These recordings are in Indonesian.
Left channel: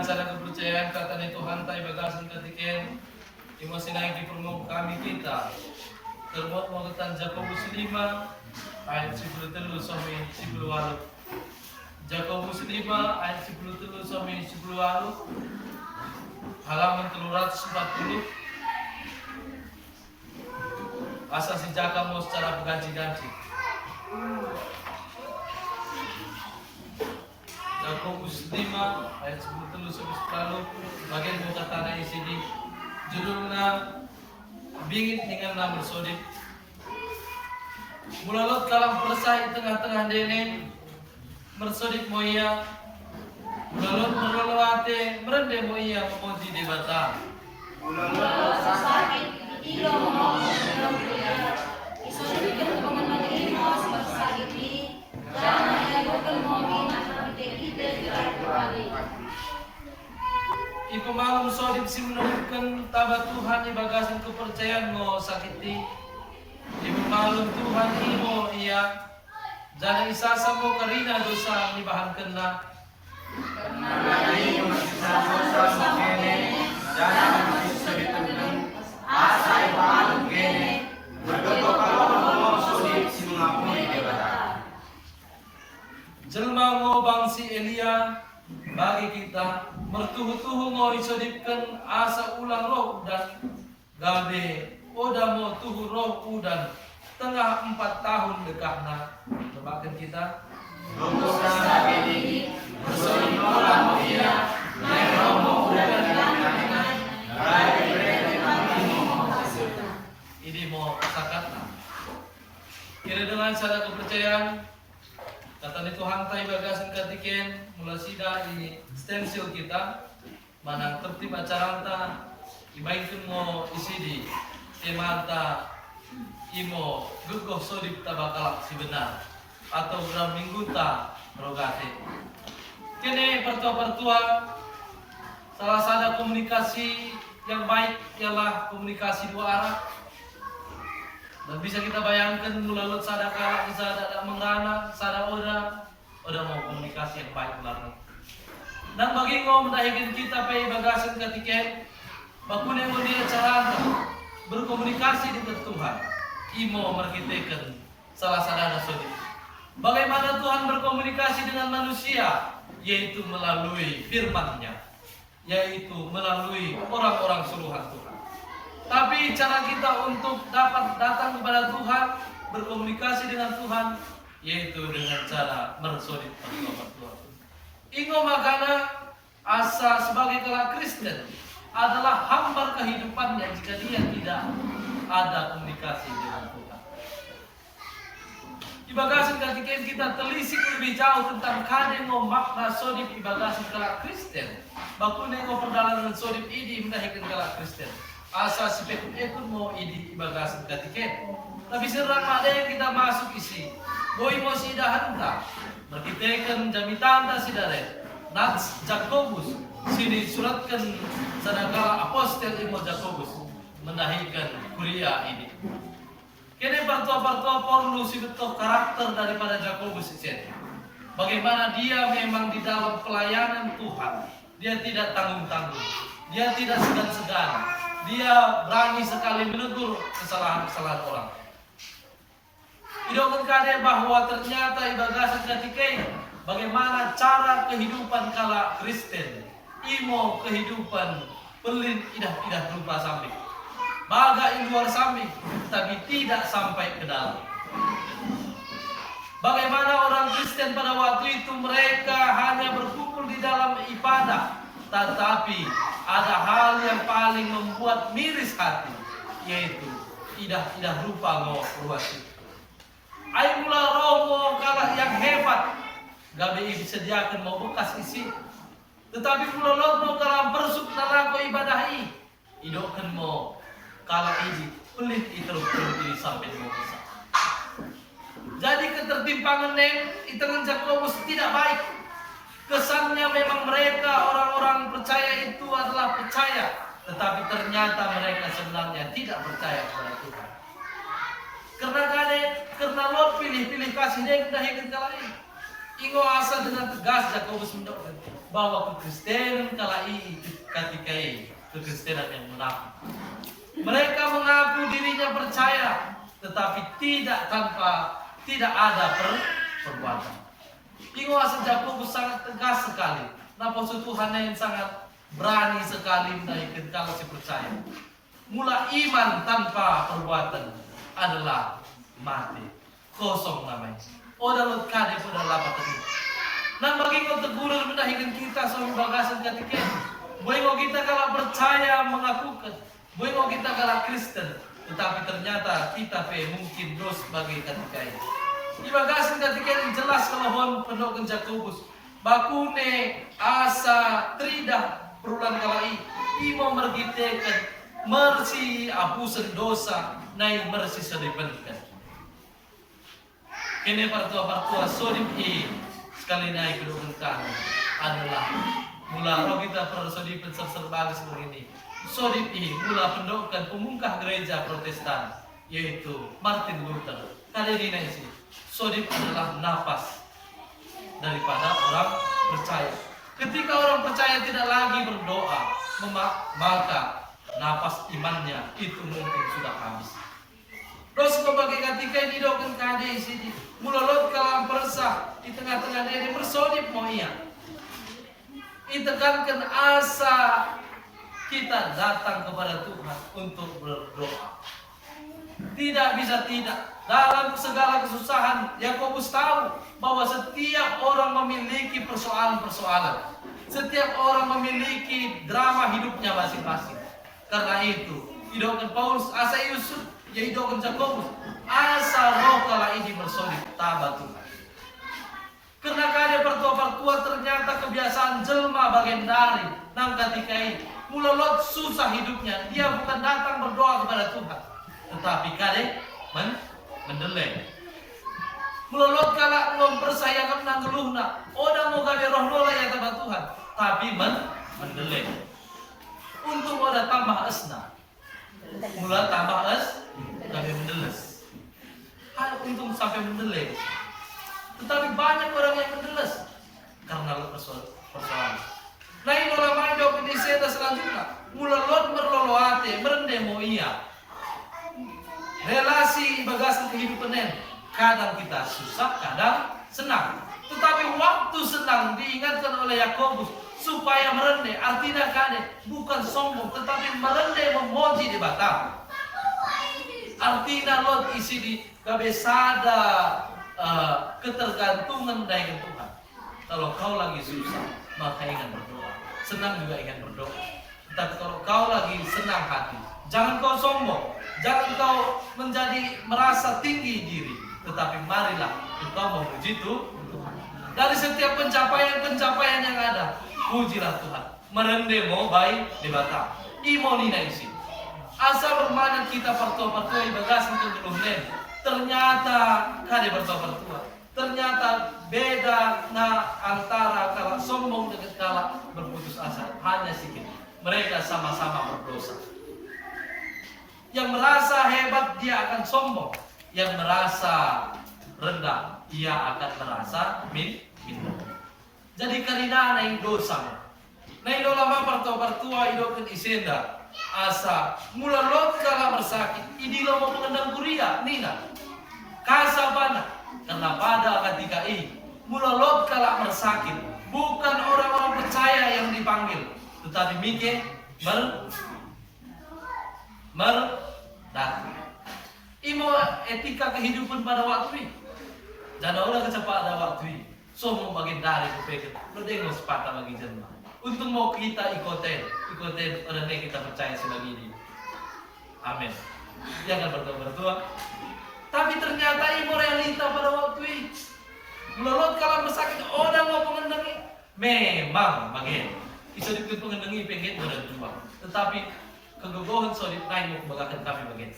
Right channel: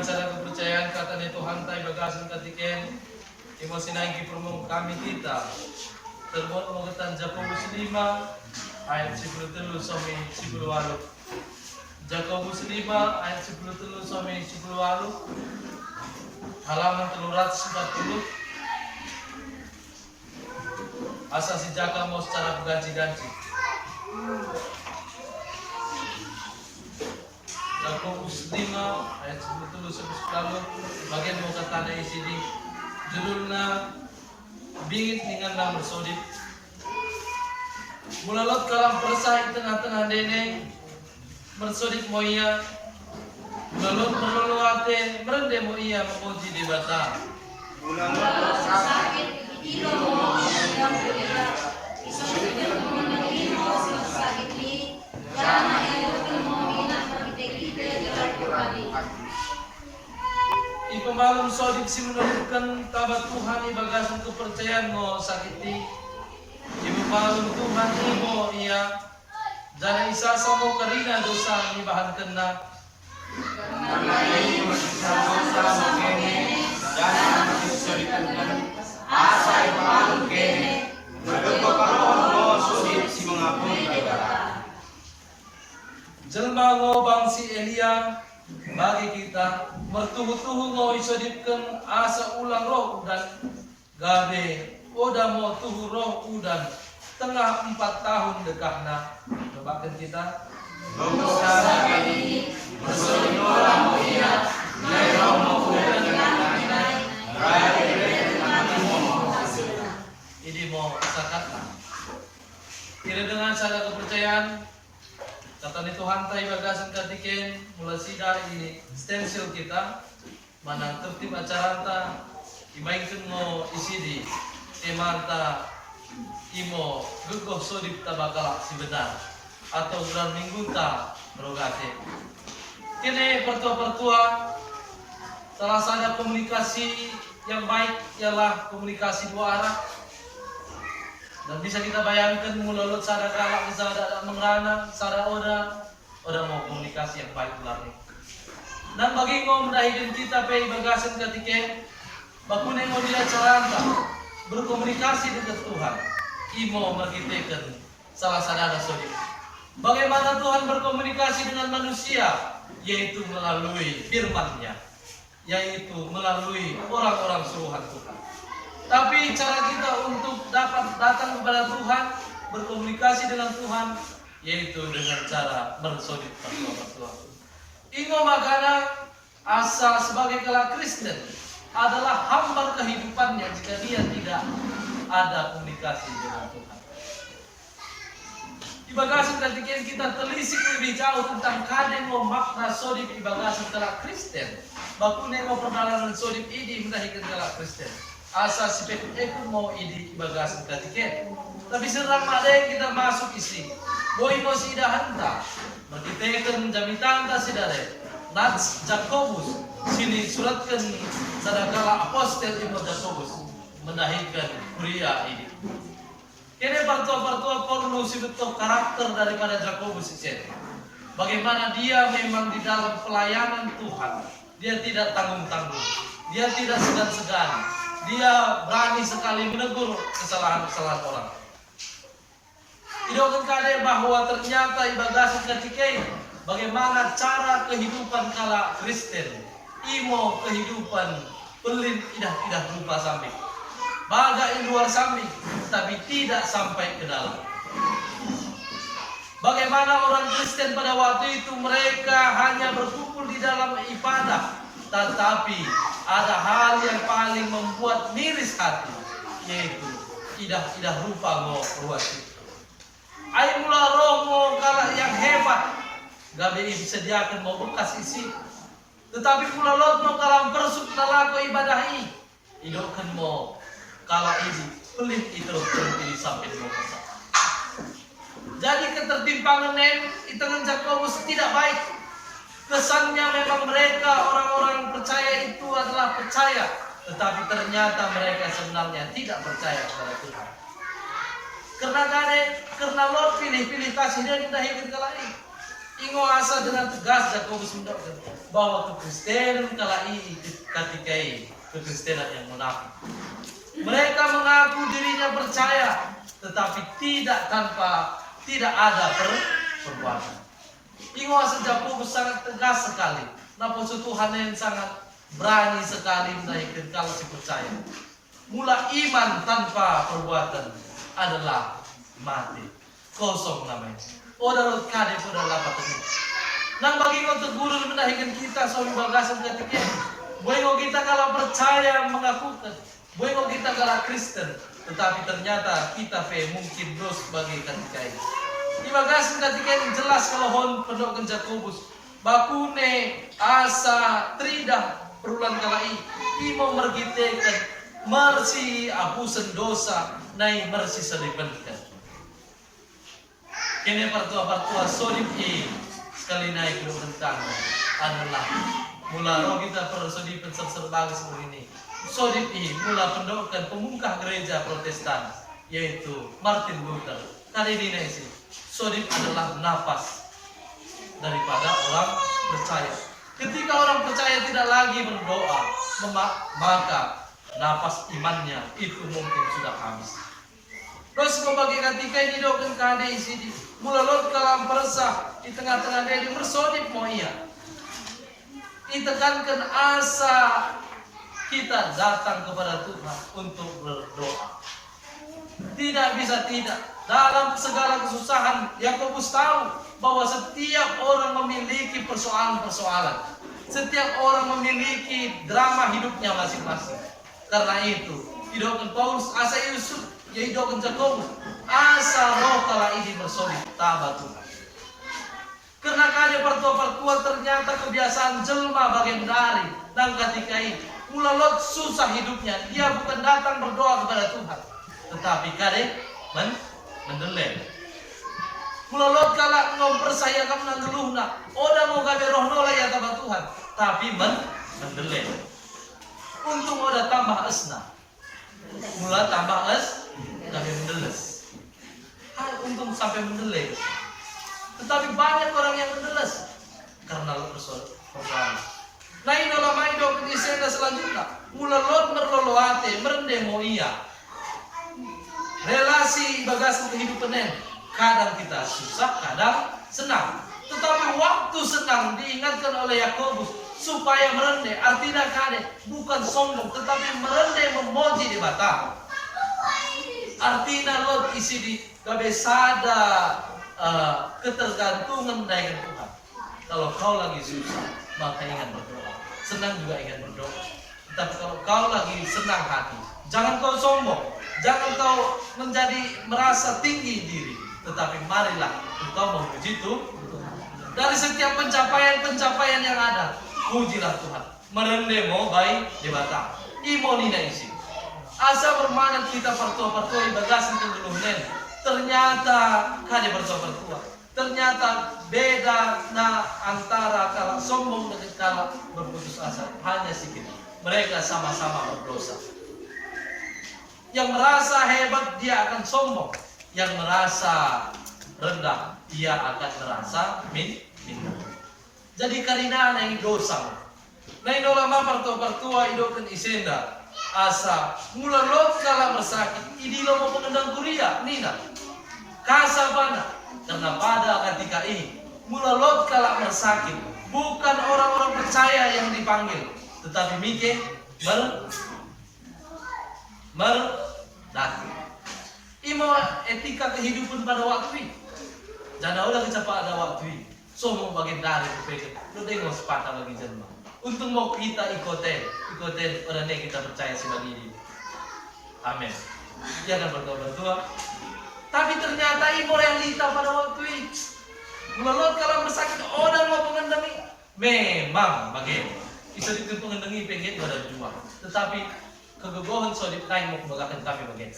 dengan cara kepercayaan kata ni Tuhan tay bagasan katiken imo sinaiki permong kami kita terbuat mo katan Jakobus 5 ayat 13 sampai 18. Jakobus 5 ayat 13 sampai 18, halaman 340. Asa si Jaka mau secara berganti-ganti. Jakobus 5 ayat 13 sampai 10, bagian mau kata na isini judulnya bingit dengan nama bersodip. Mulalot kalam persai tengah-tengah dene bersodip moya mulalot meroloate merende moya memuji di bata. Mulalot sakit ilo mo mulia isodip mengenai sakit di jangan yang mo minat kita dilakukan. Ipemalum sodip si menurutkan tabat Tuhan ibagasan kepercayaan mo sakiti. Ipemalum Tuhan imo iya jana isasa mo karina dosa ibahan kena. Karena imo isasa mo kene jana isoditan asa ipemalum kene bergepo kalon mo sodip si mengapun ibada. Jelma ngo bangsi Elia bagi kita mertuhu-tuhu ngo isodipkan asa ulang roh dan gabe oda mo tuhu roh udan tengah 4 tahun dekahna. Cobakan kita dosa sakit bersodip olah mo iya nyai romo udan kanai gabe mo ini mo sakatna. Kira dengan cara kepercayaan kata ni Tuhan tay bagasan katiken mulai sidar ini stensil kita mana tertib acara ta ibainkan mo isidi temata imo gugoh sodip tabakala si benar atau bulan minggu ta rogate kene pertua-pertua salah satu komunikasi yang baik ialah komunikasi dua arah. Dan bisa kita bayangkan mulalot sada kala sada mengrana sada oda mau komunikasi yang baik ular nih. Dan bagi ngo mendahikan kita pe bagasan katiken bakune mo dia caranta berkomunikasi dengan Tuhan. Imo merkitekan salah sadana sodip. Bagaimana Tuhan berkomunikasi dengan manusia, yaitu melalui firman-Nya, yaitu melalui orang-orang suruhan Tuhan. Tapi cara kita untuk dapat datang kepada Tuhan, berkomunikasi dengan Tuhan, yaitu dengan cara mersodip pertua-pertua. Ingo makana asa sebagai kelak Kristen adalah hambar kehidupannya jika dia tidak ada komunikasi dengan Tuhan. Ibagasan ketika kita telisik lebih jauh tentang kadang makna sodip ibagasan kelak Kristen, bakun nengo perjalanan sodip ini mendahikan kelak Kristen. Asa si pekut mau idi ibagasan katiken. Tapi serang ada yang kita masuk isi. Boy mo si idahanta. Merkitekan jamitanta si dare. Nats Jakobus sini suratkan sadakala apostel imo Jakobus mendahikan kuria ini. Kene partua-partua perlu si betul karakter daripada Jakobus itu. Bagaimana dia memang di dalam pelayanan Tuhan. Dia tidak tanggung-tanggung. Dia tidak segan-segan. Dia berani sekali menegur kesalahan-kesalahan orang. Idokan kade bahwa ternyata ibagasan ketika bagaimana cara kehidupan kala Kristen. Imo kehidupan pelin idah lupa samping. Baga di luar samping tapi tidak sampai ke dalam. Bagaimana orang Kristen pada waktu itu mereka hanya berkumpul di dalam ibadah. Tetapi ada hal yang paling membuat miris hati, yaitu idah rupa ngo ruasi. Ai mula romo kalah yang hebat, gabe disediakan mau bekas isi. Tetapi mula lo kalah bersuk nalako ibadahi, idokan mo kalah ini pelit terus ini sampai mau besar. Jadi ketertimpangan itengan Jakobus tidak baik. Kesannya memang mereka orang-orang percaya itu adalah percaya, tetapi ternyata mereka sebenarnya tidak percaya kepada Tuhan. Karena Lord pilih kasih dia kita hidup kali. Ingo asa dengan tegas Jakobus mendokter. bahwa kekristenan kalai katikai kekristenan yang munafik. Mereka mengaku dirinya percaya, tetapi tidak ada perbuatan. Ingat sejak Yakobus sangat tegas sekali. Napa Tuhan yang sangat berani sekali menaikkan kalau si percaya. Mula iman tanpa perbuatan adalah mati, kosong namanya. Odarot kade pada lapat ini. Nang bagi kau teguran menaikkan kita soal bagasan ketika. Buengo kita kalau percaya mengakukan. Buengo kita kalau Kristen, tetapi ternyata kita mungkin dos sebagai ketika ini. Di bagasan ketika ini jelas kalau hon pendokan Yakobus. Bakune asa tridah perulan kalai imo mergitekan mersi apusen dosa nai mersi sedipenkan. Kini partua sodip sekali naik ke rentang adalah mula roh kita persodipan serbagai seperti ini. Sodip mula pendokan pemungkah gereja Protestan yaitu Martin Luther. Kali ini sih sodip adalah nafas daripada orang percaya. Ketika orang percaya tidak lagi berdoa, maka nafas imannya itu mungkin sudah habis. Terus sebagai ketika ini doakan kade isi mulalot kalam persah di tengah-tengah dia bersodip mau iya. Ditekankan asa kita datang kepada Tuhan untuk berdoa. Tidak bisa tidak. Dalam segala kesusahan, Yakobus tahu bahwa setiap orang memiliki persoalan-persoalan. Setiap orang memiliki drama hidupnya masing-masing. Karena itu, hidupkan Paulus, asa Yusuf, ya hidupkan Yakobus, asa roh kala ini bersolid, tabat Tuhan. Karena kaya pertua-pertua ternyata kebiasaan jelma bagian dari nang ketika ini mulalot susah hidupnya, dia bukan datang berdoa kepada Tuhan, tetapi kade mendeleng. Mulalot kala ngom persaya kam nang geluhna, oda mau gabe roh nola ya tabat Tuhan, tapi mendeleng. Untung oda tambah esna, mula tambah gabe mendeles. Untung sampai mendeleng. Tetapi banyak orang yang mendeles karena persoalan. Nah ini dalam hidup di sana selanjutnya, mulalot merloloate merendemo iya. Relasi bagasan kehidupan ini kadang kita susah, kadang senang. Tetapi waktu senang diingatkan oleh Yakobus supaya merende, artinya kade bukan sombong, tetapi merende memuji di bata. Artinya lot isi di kabesada ketergantungan dengan Tuhan. Kalau kau lagi susah, maka ingat berdoa. Senang juga ingat berdoa. Tetapi kalau kau lagi senang hati, jangan kau sombong. Jangan kau menjadi merasa tinggi diri, tetapi marilah engkau memuji Tuhan. Dari setiap pencapaian yang ada, pujilah Tuhan. Merendemo baik di bata. Imo nina isi. Asa bermanat kita pertua-pertua ibagasin tenggeluhnen. Ternyata kade pertua-pertua. Ternyata beda antara kalau sombong dengan kalau berputus asa hanya sedikit. Mereka sama-sama berdosa. Yang merasa hebat dia akan sombong, yang merasa rendah dia akan merasa minder. Jadi karena naik dosa, naik dolama pertua-pertua idokan isenda asa mula lot kala bersakit, ini lo mau pengendang kuria nina kasabana karena pada ketika ini mula lot kala bersakit bukan orang-orang percaya yang dipanggil, tetapi mikir datang. Imo etika kehidupan pada waktu ini. Jana udah kecepat ada waktu ini. So mau bagian dari kupeket. Lo dengar sepatah lagi jenma. Untuk mau kita ikoten orangnya kita percaya sebagai ini. Amin. Jangan berdoa. Tapi ternyata imo realita pada waktu ini. Mulalot kalau bersakit orang mau pengendangi. Memang bagian. Bisa ditutup pengendangi pengen ada dua. Tetapi kegegohan sodip naik mau kebagakan kami bagian.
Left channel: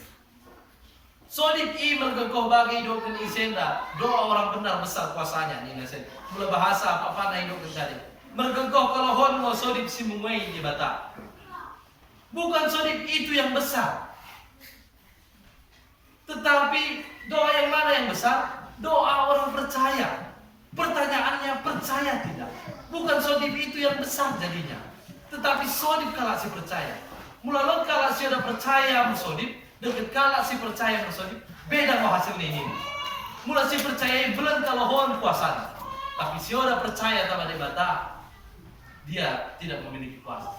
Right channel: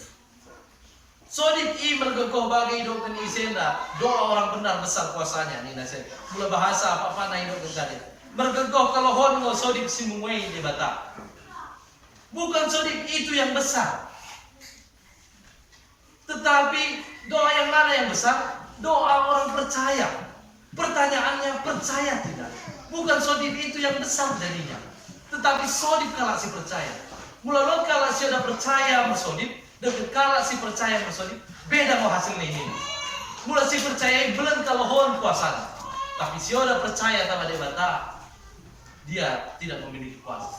Sodip mergegoh bagi hidupkan isenda. Doa orang benar besar kuasanya. Nina sen. Mula bahasa apa-apa na hidupkan tadi. Mergegoh kalau hon mau sodip simungway di bata. Bukan sodip itu yang besar. Tetapi doa yang mana yang besar? Doa orang percaya. Pertanyaannya percaya tidak? Bukan sodip itu yang besar jadinya, tetapi sodip kalau si percaya. Mulalot kalau si ada percaya bersodip, deket kalau si percaya bersodip, beda mau hasilnya ini. Mula si percaya belum kalau hon kuasa, tapi si ada percaya sama debata, dia tidak memiliki kuasa.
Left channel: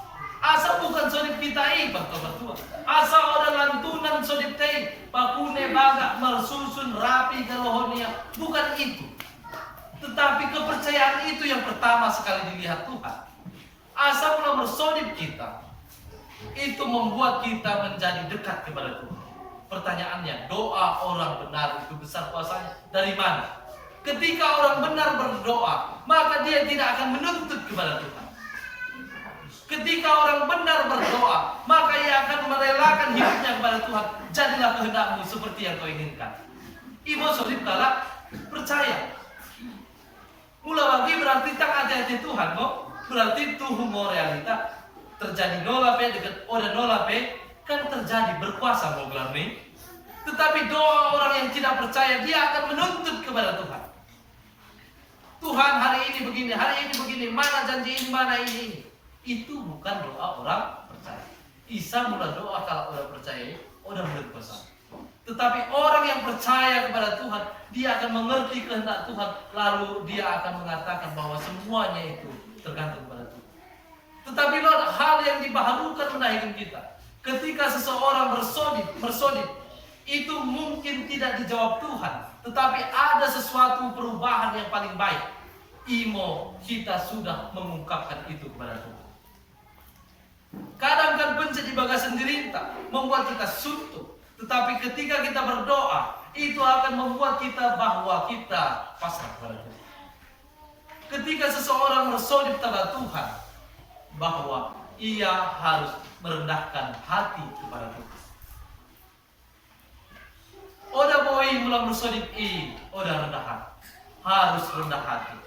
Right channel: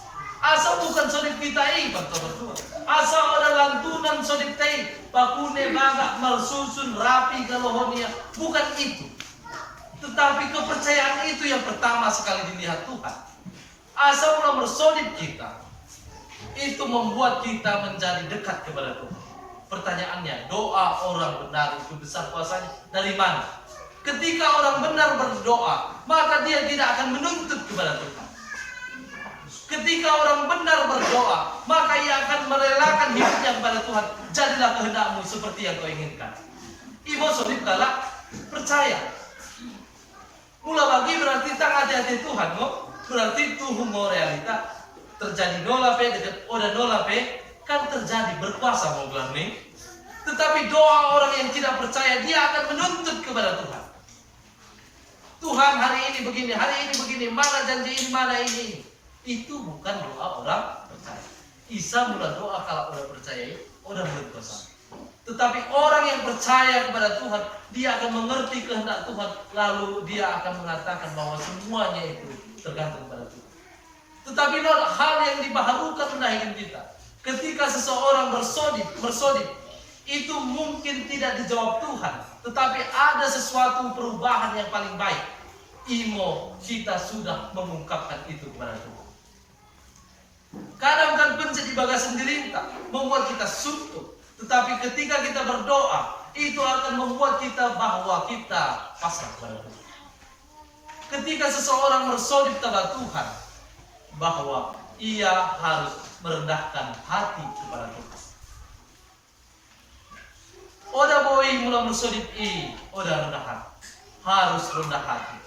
Asa bukan sodip kita bertua. Asa ada lantunan sodip tei, pakune bagak mersusun rapi kalau honia, bukan itu. Tetapi kepercayaan itu yang pertama sekali dilihat Tuhan. Asa mula bersodip kita, itu membuat kita menjadi dekat kepada Tuhan. Pertanyaannya, doa orang benar itu besar kuasanya dari mana? Ketika orang benar berdoa, maka dia tidak akan menuntut kepada Tuhan. Ketika orang benar berdoa, maka ia akan merelakan hidupnya kepada Tuhan. Jadilah kehendakmu seperti yang kau inginkan. Ibu sodip kala percaya. Mula bagi berarti tak hati-hati Tuhan, berarti Tuhan realita. Terjadi nola pe dekat oda nola pe kan terjadi berkuasa mau gelar nih. Tetapi doa orang yang tidak percaya dia akan menuntut kepada Tuhan. Tuhan hari ini begini, mana janji ini, mana ini. Itu bukan doa orang percaya. Isa mula doa kalau orang percaya, orang berkuasa. Tetapi orang yang percaya kepada Tuhan, dia akan mengerti kehendak Tuhan, lalu dia akan mengatakan bahwa semuanya itu tergantung pada Tuhan. Tetapi hal yang dibaharukan menaikkan kita. Ketika seseorang bersodip, itu mungkin tidak dijawab Tuhan. Tetapi ada sesuatu perubahan yang paling baik. Imo kita sudah mengungkapkan itu kepada Tuhan. Kadang kan pencet di bagas sendiri membuat kita suntuk. Tetapi ketika kita berdoa, itu akan membuat kita bahwa kita pasrah kepada Tuhan. Ketika seseorang bersodip kepada Tuhan, bahwa ia harus merendahkan hati kepada Tuhan. Oda boy mula bersodip oda rendah hati. Harus rendah hati.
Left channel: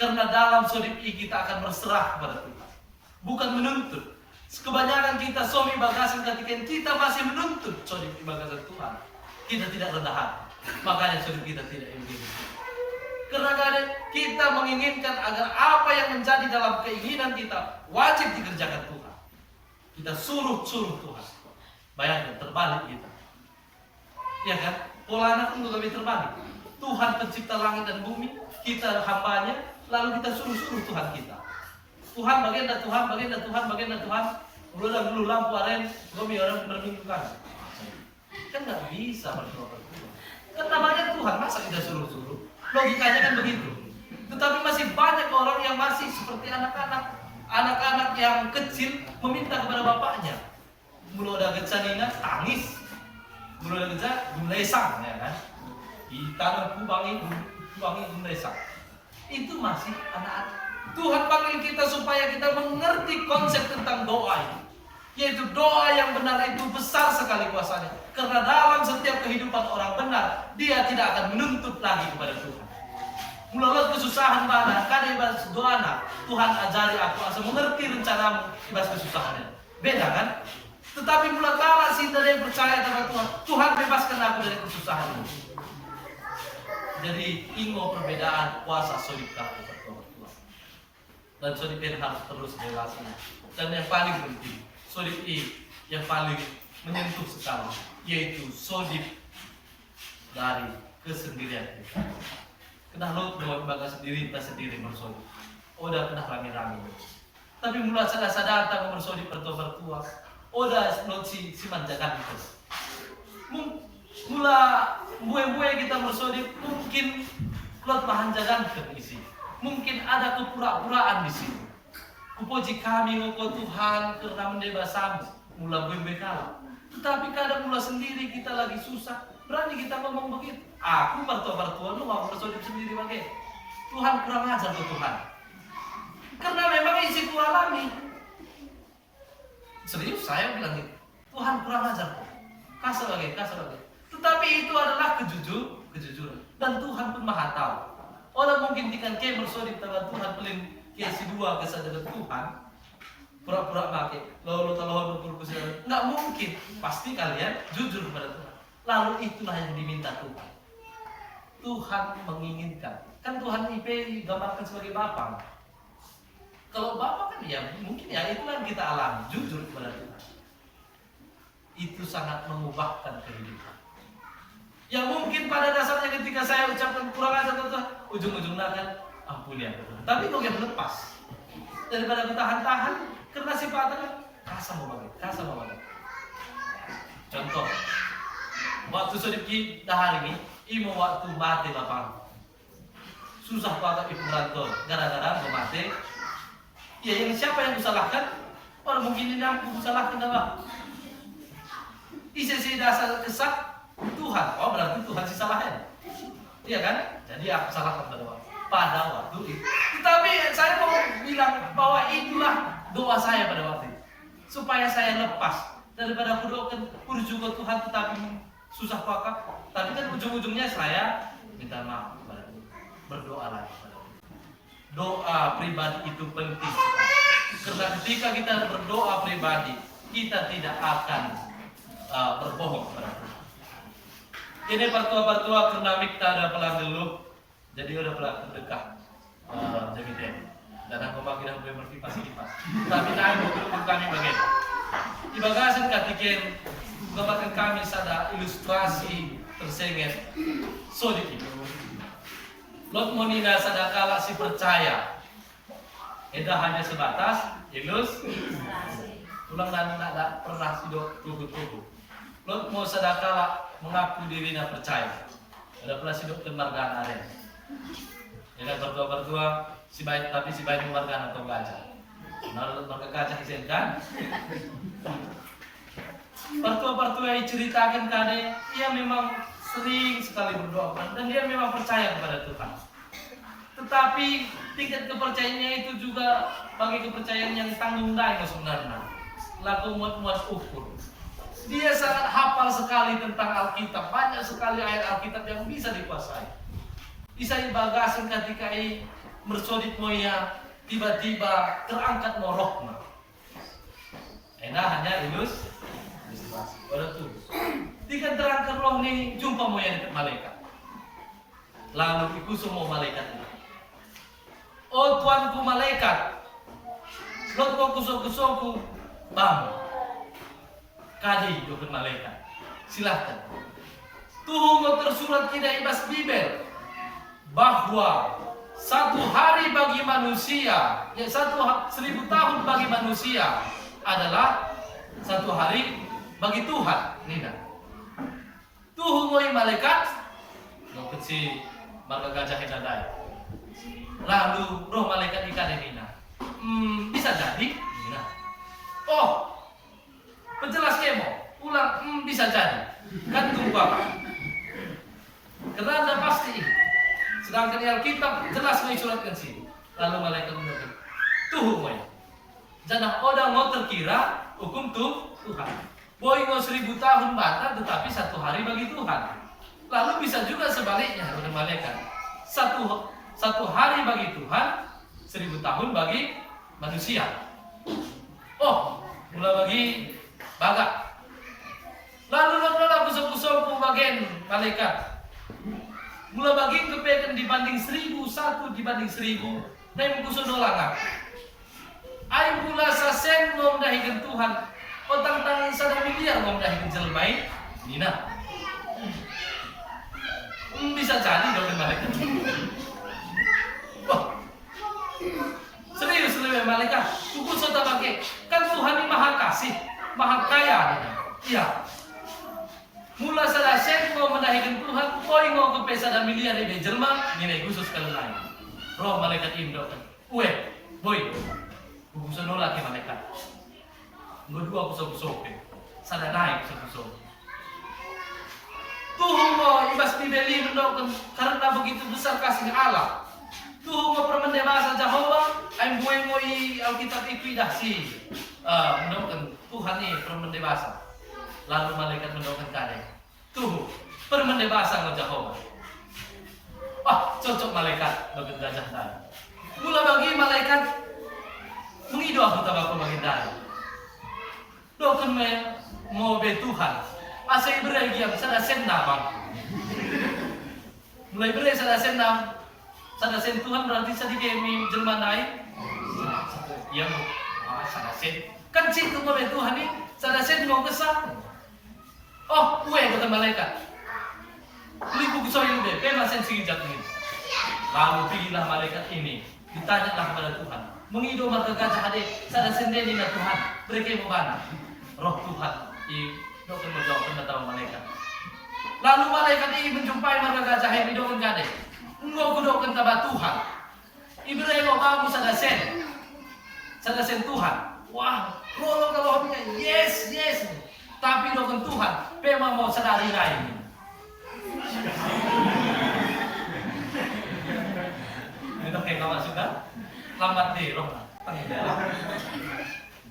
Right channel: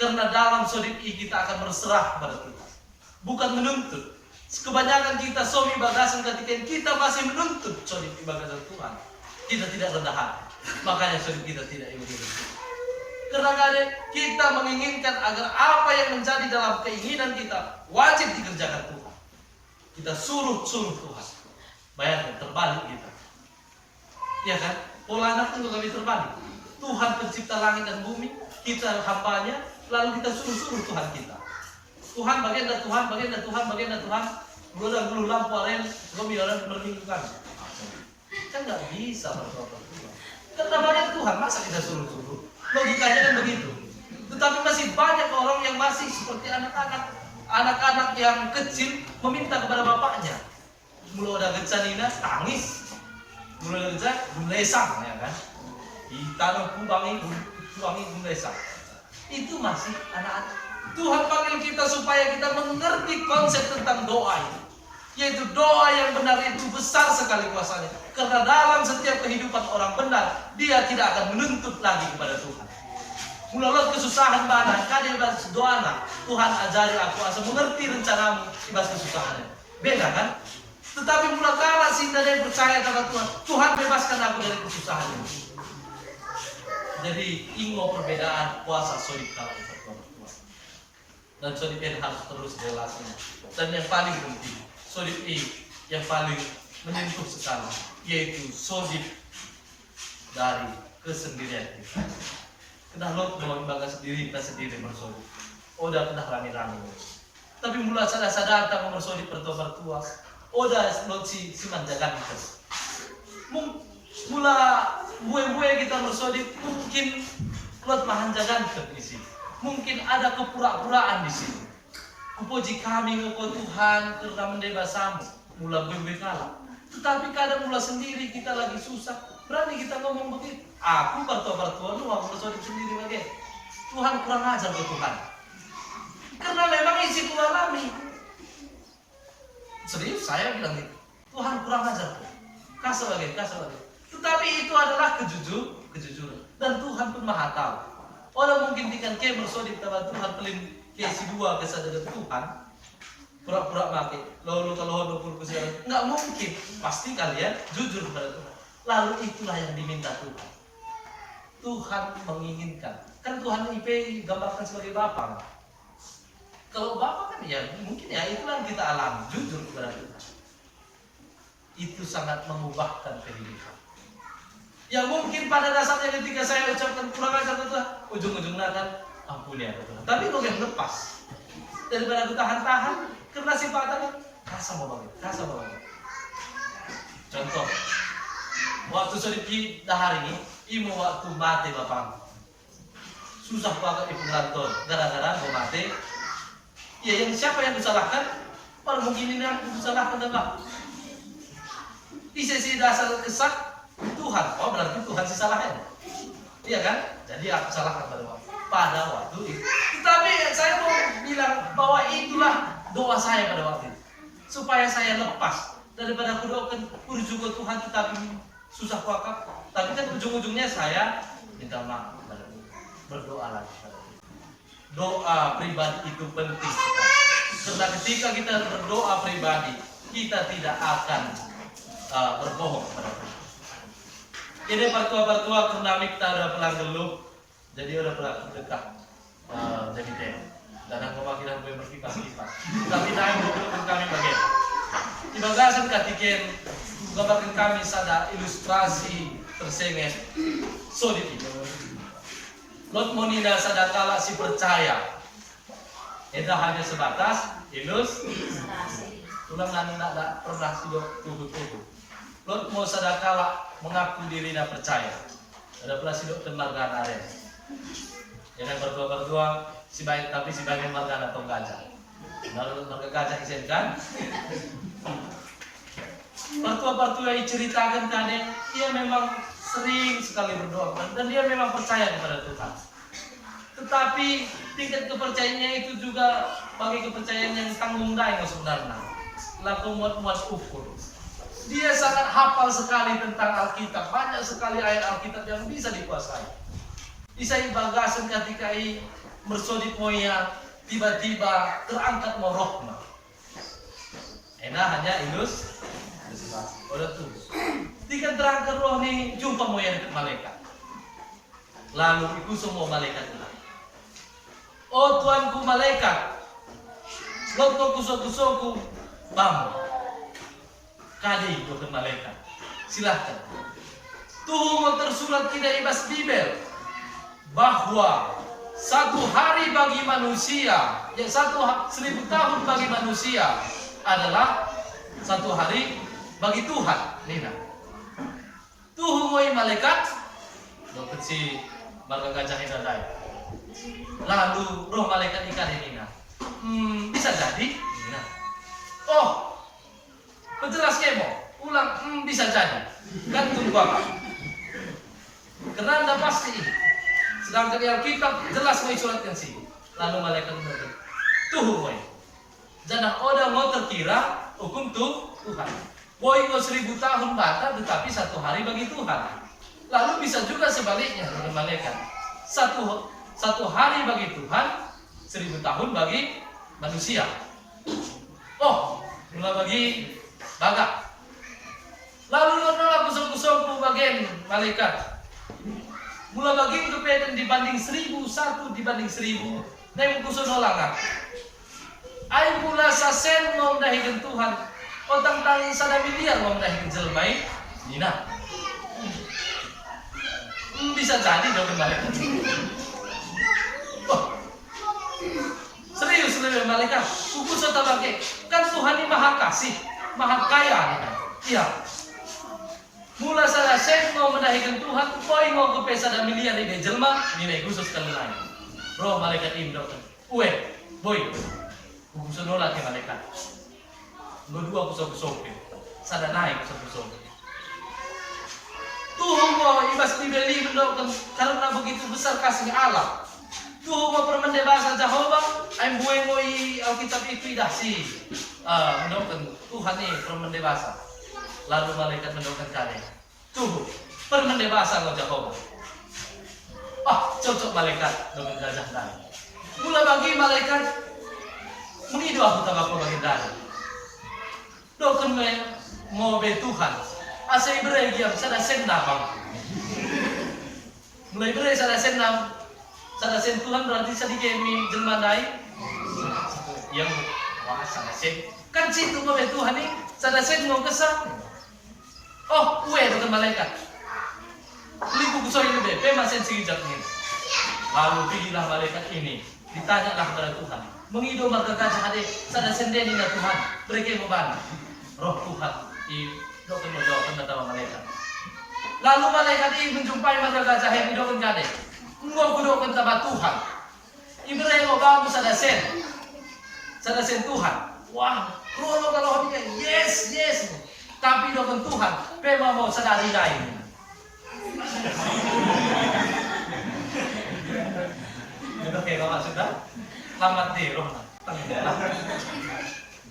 Karena dalam sodip kita akan berserah kepada Tuhan. Bukan menuntut. Kebanyakan kita suami bagasan ketika kita masih menuntut sodip bagasan Tuhan. Kita tidak rendah hati. Makanya sodip kita tidak begitu. Karena kita menginginkan agar apa yang menjadi dalam keinginan kita wajib dikerjakan Tuhan. Kita suruh Tuhan. Bayangkan terbalik kita. Ya kan? Pola anak itu lebih terbalik. Tuhan pencipta langit dan bumi, kita hambanya, lalu kita suruh Tuhan kita. Tuhan bagian Tuhan. Udah dulu lampu aren, kami orang berminggukan. Kan nggak bisa berdoa Tuhan. Karena banyak Tuhan, masa kita suruh? Logikanya kan begitu. Tetapi masih banyak orang yang masih seperti anak-anak. Anak-anak yang kecil meminta kepada bapaknya. Mula udah gecanina, tangis. Mula udah gecan, gumlesang, ya kan? Ditanam kubangi gumlesang. Itu masih anak-anak. Tuhan panggil kita supaya kita mengerti konsep tentang doa itu. Yaitu doa yang benar itu besar sekali kuasanya. Karena dalam setiap kehidupan orang benar, dia tidak akan menuntut lagi kepada Tuhan. Mulalot kesusahan mana, kadang doana, Tuhan ajari aku asal mengerti rencanamu ibas kesusahannya. Beda kan? Tetapi mula kala sinda yang percaya kepada Tuhan, Tuhan bebaskan aku dari kesusahan ini. Jadi ingo perbedaan kuasa sodip kala berdoa Tuhan. Dan sodip ini harus terus relasi. Dan yang paling penting, sodip ini yang paling menyentuh sekali, yaitu sodip dari kesendirian kita. Kena lot mau bangga sendiri, kita sendiri bersodip. Oda kena rame-rame. Tapi mula sadar datang bersodip bertua. Oda lot si manjakan kita. Mula mue kita bersodip, mungkin lot mahanjakan kita di sini. Mungkin ada kepura-puraan di sini. Kupuji kami ngoko Tuhan karena mendebasamu. Mula bue kalah. Tetapi kadang mula sendiri kita lagi susah. Berani kita ngomong begitu. Aku bertua lu aku bersodip sendiri bagai. Tuhan kurang ajar tuh Tuhan. Karena memang isi ku alami. Serius saya bilang gitu. Tuhan kurang ajar tuh. Kasar bagai. Tetapi itu adalah kejujuran. Dan Tuhan pun maha tahu. Orang mungkin dikan ke bersodip kepada Tuhan pelin ke si dua kesadaran Tuhan. Pura-pura pakai. Lalu kalau berpuluh-puluh nggak mungkin. Pasti kalian jujur kepada Tuhan. Lalu itulah yang diminta Tuhan. Tuhan menginginkan. Kan Tuhan IP gambarkan sebagai Bapa. Kalau Bapak kan ya mungkin ya itulah yang kita alami, jujur kepada Tuhan. Itu sangat mengubahkan kehidupan. Ya mungkin pada dasarnya ketika saya ucapkan kurang ajar Tuhan, ujung-ujungnya kan ampuni ya Tuhan. Tapi kok yang lepas daripada aku tahan-tahan karena sifatnya kan kasa mau bagi. Contoh, waktu sedikit hari ini, ibu waktu mati Bapak. Susah banget ibu ngelantor, gara-gara mau mati. Ya yang siapa yang disalahkan? Orang mungkin ini aku disalahkan apa? Isi dasar kesak Tuhan. Oh berarti Tuhan sih salahnya. Iya kan? Jadi aku salahkan pada waktu itu. Tetapi saya mau bilang bahwa itulah doa saya pada waktu itu. Supaya saya lepas daripada aku doakan juga Tuhan tetapi susah wakaf. Tapi kan ujung-ujungnya saya minta maaf kepada Tuhan. Berdoa lagi pada Tuhan. Doa pribadi itu penting. Karena ketika kita berdoa pribadi, kita tidak akan berbohong kepada Tuhan. Jadi partua-partua karena mikta ada pelang gelup, jadi udah pelang dekat jadi deh. Dan aku makin boleh berkipas-kipas. Tapi naik mau belum kami bagian. Di bagasan katiken gambarkan kami sada ilustrasi tersenges sodiki. Lot monina sadakala si percaya. Eda hanya sebatas ilustrasi. Tulang nak pernah sidok tuhu-tuhu. Lot mau sadakala mengaku dirinya percaya. Ada pula sidok temargana ada. Yang berdua si baik tapi si baik margana atau gajah. Menurut marga gajah isen kan? Partua-partua yang ceritakan tadi, ia memang sering sekali berdoa dan dia memang percaya kepada Tuhan. Tetapi tingkat kepercayaannya itu juga bagi kepercayaan yang tanggung daya sebenarnya. Laku muat-muat ukur. Dia sangat hafal sekali tentang Alkitab, banyak sekali ayat Alkitab yang bisa dikuasai. Bisa bagasan ketika mersodip moya tiba-tiba terangkat morokna. Enak hanya ilus. Udah tuh. Tiga terangkat roh nih jumpa moya dekat malaikat. Lalu ikut semua malaikat itu. Oh tuanku malaikat, lot kusok-kusokku bam. Kadi dokter malaikat. Silahkan. Tuh mau tersurat tidak ibas Bibel bahwa satu hari bagi manusia, ya 1000 tahun bagi manusia adalah satu hari bagi Tuhan. Nina. Tuh ngoi malaikat, dokter si marga gajah hidadai. Lalu roh malaikat ikan Nina. Bisa jadi, Nina. Oh, penjelas kemo, ulang bisa jadi. Kan tunggu apa? Karena anda pasti. Sedangkan di Alkitab jelas mensuratkan sini. Lalu malaikat berkata, tuh boy, jangan orang mau terkira hukum Tuhan. Boy mau 1000 tahun bata, tetapi satu hari bagi Tuhan. Lalu bisa juga sebaliknya dengan malaikat. Satu hari bagi Tuhan, 1000 tahun bagi manusia. Oh, mulai bagi bagak. Lalu nolak kusok-kusok bagian malaikat. Mula bagi kepekan dibanding 1001 dibanding 1000 dan kuso nolangan. Ai pula sasen mau mendahikan Tuhan. Otang tang sada miliar mau mendahikan jelmai. Nina. Bisa jadi dong malaikat. Oh. Serius lebih malaikat. Kuku sota pakai. Kan Tuhan ini maha kasih, maha kaya. Iya. Mula sada sen mau mendahikan Tuhan, boy mau ke pesa miliar di jelma, nilai khusus kalau lain. Roh malaikat Indo, boy, kuso nolak ke malaikat. Dua kuso sada naik kuso. Tuhan mau ibas dibeli mendoakan karena begitu besar kasih Allah. Tuhan mau permendebasa Jehovah, ayam bueng ngoi Alkitab itu dah si mendoakan Tuhan nih permendebasa. Lalu malaikat mendoakan kade. Tuh, permendebasa ngajak Jehovah. Cocok malaikat dengan gajah tadi. Mula bagi malaikat mengidu aku tabako bagi tadi. Doken mau be Tuhan. Asai beregiam sada senam. Mulai bere sada senam. Sada sen Tuhan berarti sedikit jelma naik. yang wah sanasin kan situ mo Tuhan ni sanasin mo kesah. Oh, uwe bukan malaikat. Liku kusoy lebe, pemasen sigijat ngin. Lalu pilihlah malaikat ini, ditanyalah kepada Tuhan. Mengido marga gajah ade, sanasin dia ni Tuhan. Mereka mau mana? Roh Tuhan i dokter menjawab kata malaikat. Lalu malaikat ini menjumpai marga gajah ini dokter kade. Ngo kudokan tabat Tuhan. Ibrahim ngo bagus sanasin Tuhan. Wah, rolo kalau hobinya yes. Tapi dokter Tuhan, pema mau sadari lain. Itu kayak kau sudah lamat deh roh tenggelam.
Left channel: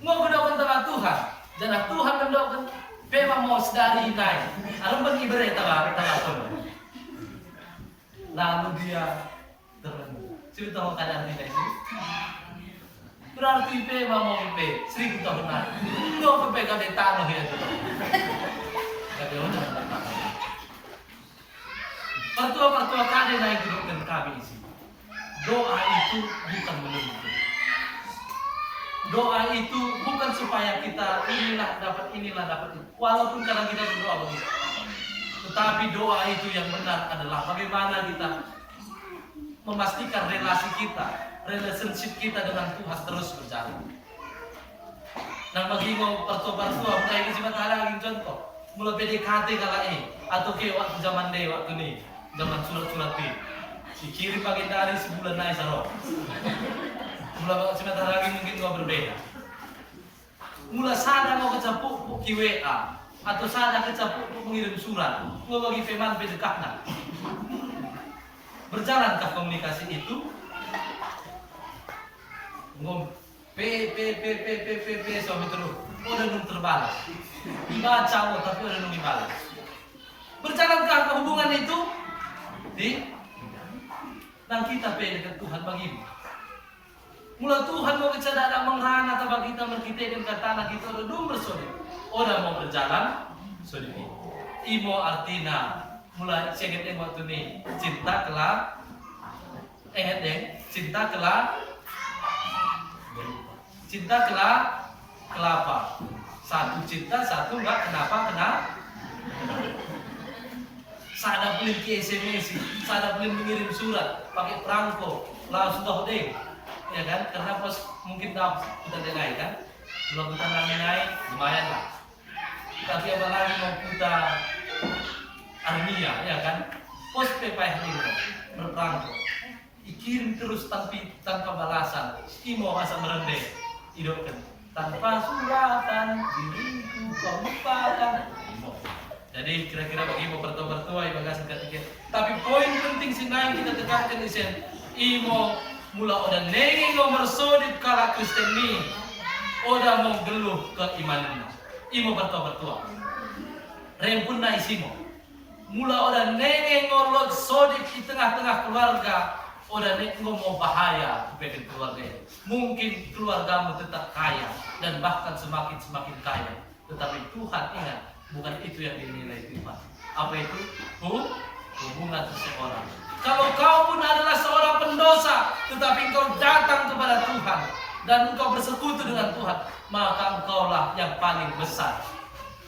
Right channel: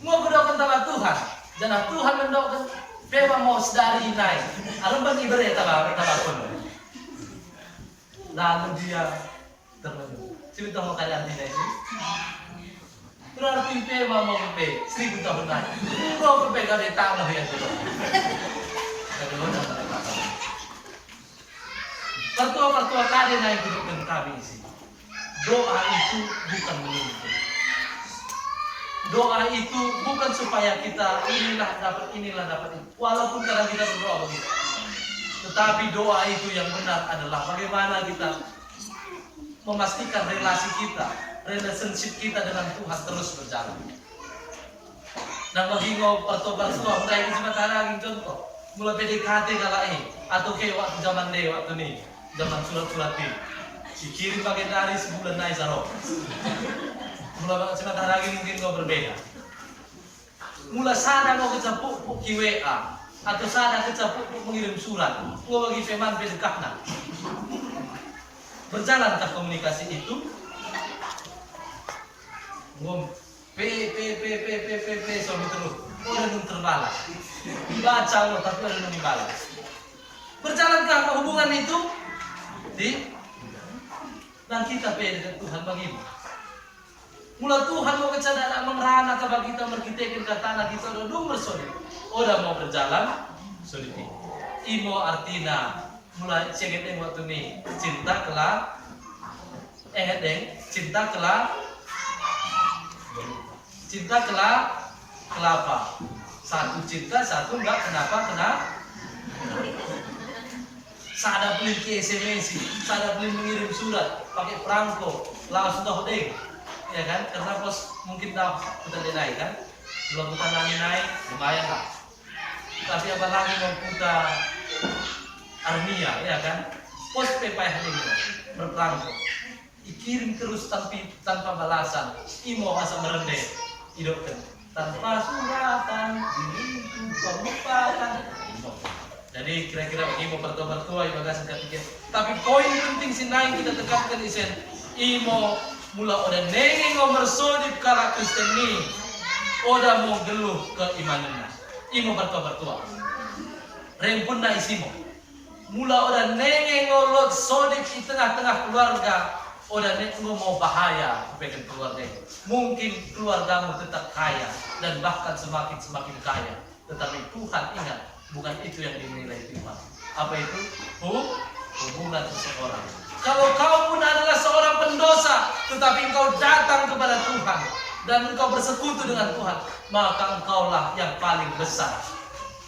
Mau berdoa kepada Tuhan, dan Tuhan mendoakan, pema mau sadari lain. Alam bagi beri tabapun. Lalu dia termenung. Cerita mau keadaan tidak ini. Berarti pema mau pe 1000 tahun lain. Mau pe kau di tanah ya tu. Kau orang mana kata. Pertua kade naik dudukkan kami isi. Doa itu bukan menuntut. Doa itu bukan supaya kita inilah dapat itu. Walaupun kadang kita berdoa begitu. Tetapi doa itu yang benar adalah bagaimana kita memastikan relasi kita, relationship kita dengan Tuhan terus berjalan. Nah bagi ngau pertua mulai ini cuma lagi contoh, mulai PDKT kala ini atau kayak waktu zaman deh waktu nih, zaman surat-surat ini, dikirim pakai dari sebulan naik saro. Mulai cuma lagi mungkin ngau berbeda. Mulai sana mau kecapuk ki WA atau sana kecapuk mengirim surat, ngau bagi feman pedekahna. Berjalankah komunikasi itu? Ngom p sampai terus. Udah nung terbalas. Baca lo tapi udah nung dibalas. Berjalankah hubungan itu? Dan kita dekat Tuhan bagaimana? Mula Tuhan mau kecadaan mengrana tabak kita merkitekin katana kita udah dum bersodi. Udah mau berjalan sodi. Imo artina mulai senget waktu nih cinta kelak cinta kelapa satu cinta satu enggak kenapa sada pelin ke SMS sada pelin mengirim surat pakai perangko langsung sudah hodeng ya kan karena pos mungkin dah kita naik kan belum kita naik lumayan lah tapi apalagi mau kita armia ya kan pos pepayah ini berperangko ikirim terus tanpa balasan imo asa merendeh idokkan tanpa suratan diriku kau lupakan jadi kira-kira bagi imo bertua ibagasan ketiga tapi poin penting sinai kita tekankan isen imo mula oda nenge ngomor sodip kala Kristen ni oda mau geluh keimanannya imo bertua rempun na isimo mula oda nenge ngolot sodip di tengah-tengah keluarga oda nenge mau bahaya kepada keluarga mungkin keluargamu tetap kaya dan bahkan semakin kaya tetapi Tuhan ingat bukan itu yang dinilai Tuhan apa itu? Hubungan seseorang kalau kau pun adalah seorang pendosa tetapi engkau datang kepada Tuhan dan engkau bersekutu dengan Tuhan maka engkaulah yang paling besar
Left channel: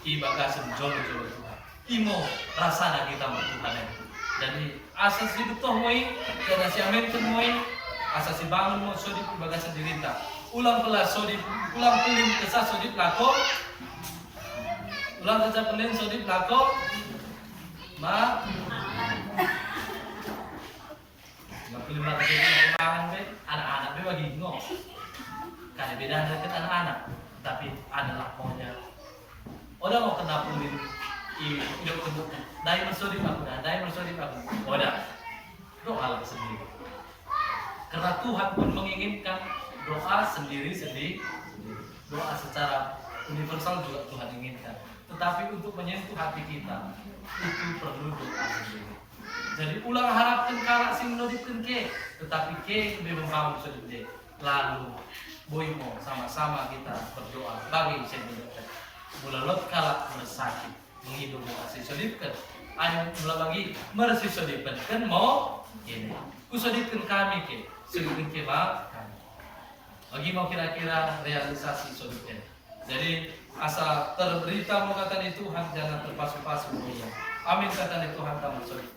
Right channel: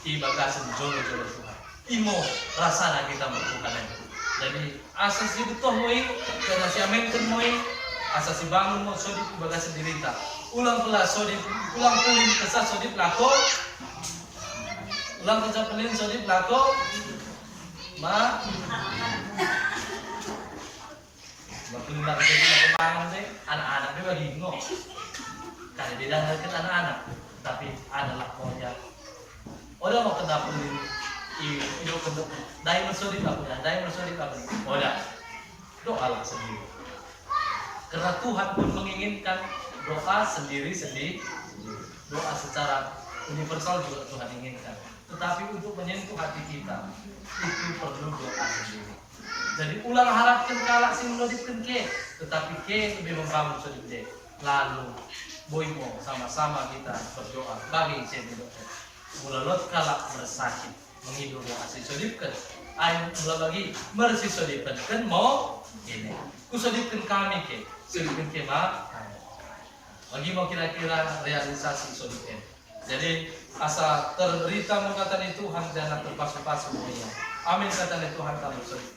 ibagasan jolo-jolo Tuhan imo rasana kita Tuhan itu. Jadi asas di betul moi karena siamenkan moi asas si bangun mo sodip ibagasan dirita. Ulang pelas sodip, ulang pelin kesah sodip lako. Ulang kesah pelin sodip lako. Pelin lako sodip lako mangan deh. Anak-anak deh bagi ngo. Karena beda dengan anak-anak, tapi adalah maunya. Udah mau kena pelin hidup bentuk dai mersodip aku udah doalah sendiri karena Tuhan pun menginginkan doa sendiri doa secara universal juga Tuhan inginkan tetapi untuk menyentuh hati kita itu perlu doa sendiri jadi ulang harapkan kalak si menodipkan ke tetapi ke lebih membangun sodip je lalu boimo sama-sama kita berdoa bagi saya mendoakan mulalot kalak bersakit menghidup yang asli sodipkan ayo mula bagi mersi sodipkan kan mau ini ku sodipkan kami ke sodipkan ke ma Bagi mau kira-kira realisasi sodipnya. Jadi asa terberita mau kata di Tuhan jangan terpasu-pasu ya. Amin kata di Tuhan kamu sodip.